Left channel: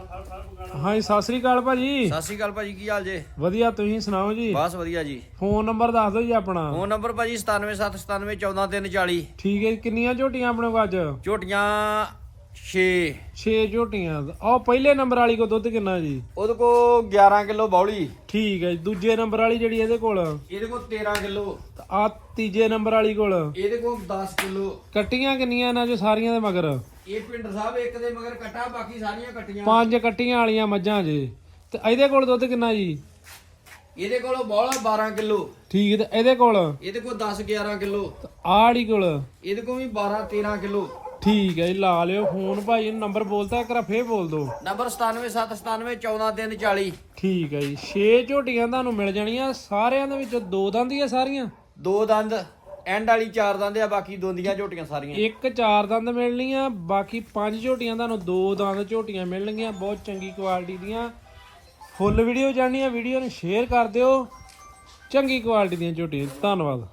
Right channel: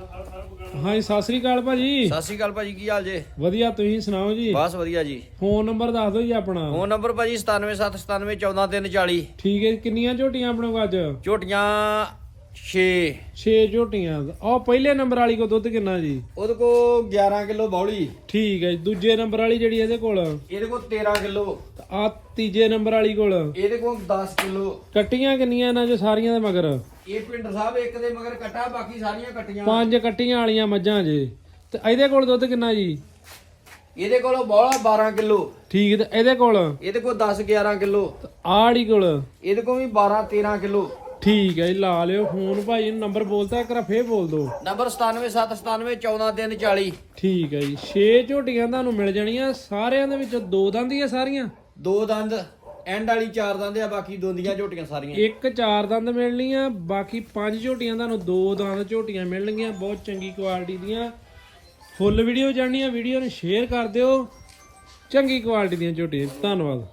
ਹਾਂਜੀ ਸਤਿ ਸ੍ਰੀ ਅਕਾਲ ਭਾਜੀ। ਸਤਿ ਸ਼੍ਰੀ ਅਕਾਲ ਭਾਜੀ ਕੀ ਹਾਲ ਜੇ? ਵਧੀਆ ਤੁਸੀਂ ਸੁਣਾਓ ਜੀ? ਬਸ ਵਧੀਆ ਜੀ। ਫੋਨ ਨੰਬਰ ਦੱਸ ਦਿਓ ਜੀ ਆਪਣਾ। ਫੋਨ ਨੰਬਰ ਭਾਜੀ 9779714340 ਠੀਕ ਹੈ ਜੀ, ਕਿੰਨੀਆਂ ਝੋਟੀਆਂ ਆਪਣੇ ਕੋਲ ਅੱਜ? ਝੋਟੀਆਂ 6 6 ਝੋਟੀਆਂ। ਆਹ ਪਹਿਲੇ ਨੰਬਰ ਵਾਲੀ ਕੋ ਦੁੱਧ ਕਿੰਨਾ ਜੀ? ਉਹਦੇ ਕੋ 11 ਕਿਲੋ ਬੌਲੀ। ਠੀਕ ਹੈ ਜੀ ਦੂਜੇ ਨੰਬਰ ਵਾਲੀ ਜਿਹੜੀ ਇਹਦੇ ਕੋਲ? ਇਹਦੇ ਕੋ 13 ਕਿਲੋ। ਆ ਤੀਜੇ ਨੰਬਰ ਵਾਲੀ ਕੋਲ? ਇਹਦੇ ਕੋ 10 ਕਿਲੋ। ਕੱਟੀਆਂ ਕਿੰਨੀਆਂ ਇਹਨਾਂ ਚ ਸਾਰੀਆਂ ਦੇ ਮਗਰ? ਇਹ ਪਿੰਡ ਸਾਹਿਬ ਇੱਕ ਦੇ ਮਗਰ ਕੱਟਾ ਬਾਕੀ ਸਾਰੀਆਂ ਕੱਟੀਆਂ। ਪੰਜ ਕੱਟੀਆਂ ਵਾਲੀਆਂ ਮੱਝਾਂ ਜੇ। ਤੇ ਇਹਦੇ ਕੋਲ ਦੁੱਧ ਕਿੰਨਾ ਜੀ? ਇਹਦੇ ਕੋਲ ਬੌਲਾ 12 ਕਿਲੋ। ਠੀਕ ਤੇ ਇਹਦੇ ਕੋਲ? ਇਹਦੇ ਕੋ 10 11 ਕਿਲੋ। ਵਾਲੀ ਕੋਲ? ਇਹਦੇ ਕੋ ਵੀ 12 13 ਕਿਲੋ। ਠੀਕ ਹੈ ਜੀ ਲਾ ਲਿਓ ਫੋਨ ਭਾਈ ਨੰਬਰ ਬੋਲਤਾ ਇੱਕ ਵਾਰ ਫੇਰ ਬੋਲ ਦਿਓ। ਨੰਬਰ 9779714340 ਠੀਕ ਹੈ ਜੀ 6 ਝੋਟੀਆਂ ਤੁਹਾਨੂੰ ਮਿਲ ਜਾਣੀਆਂ ਸਾਰਿਆਂ ਦੇ ਵਿੱਚ ਦੋ ਦੰਦ ਹੀ ਆ ਸਾਰੀਆਂ? ਦੋ ਦੰਦ। ਐਂਡ ਵਾਲੀ ਚਾਰ ਦੰਦ ਆ, ਬਾਕੀ ਦੋਂਦੀਆਂ ਝੋਟੀਆਂ ਸਾਰੀਆਂ। ਇੱਕ ਚਾਰ ਦੰਦ ਮਿਲਣੀਆਂ, ਬਾਕੀ ਪੰਜ ਝੋਟੀਆਂ ਤੁਹਾਨੂੰ ਦੋ ਦੰਦ ਝੋਟੀਆਂ ਮਿਲਣਗੀਆਂ, ਬਹੁਤ ਚੰਗੀ ਕੁਆਲਿਟੀ ਦੀਆਂ। ਫੁੱਲ ਵੀਡੀਓ ਜਾਣੀ ਆ ਵੀਡੀਓ ਨੂੰ ਸ਼ੇਅਰ ਕਰ ਦਿਓ। ਚੰਗੀ ਕੁਆਲਿਟੀ ਦੀਆਂ ਝੋਟੀਆਂ, ਧੰਨਵਾਦ।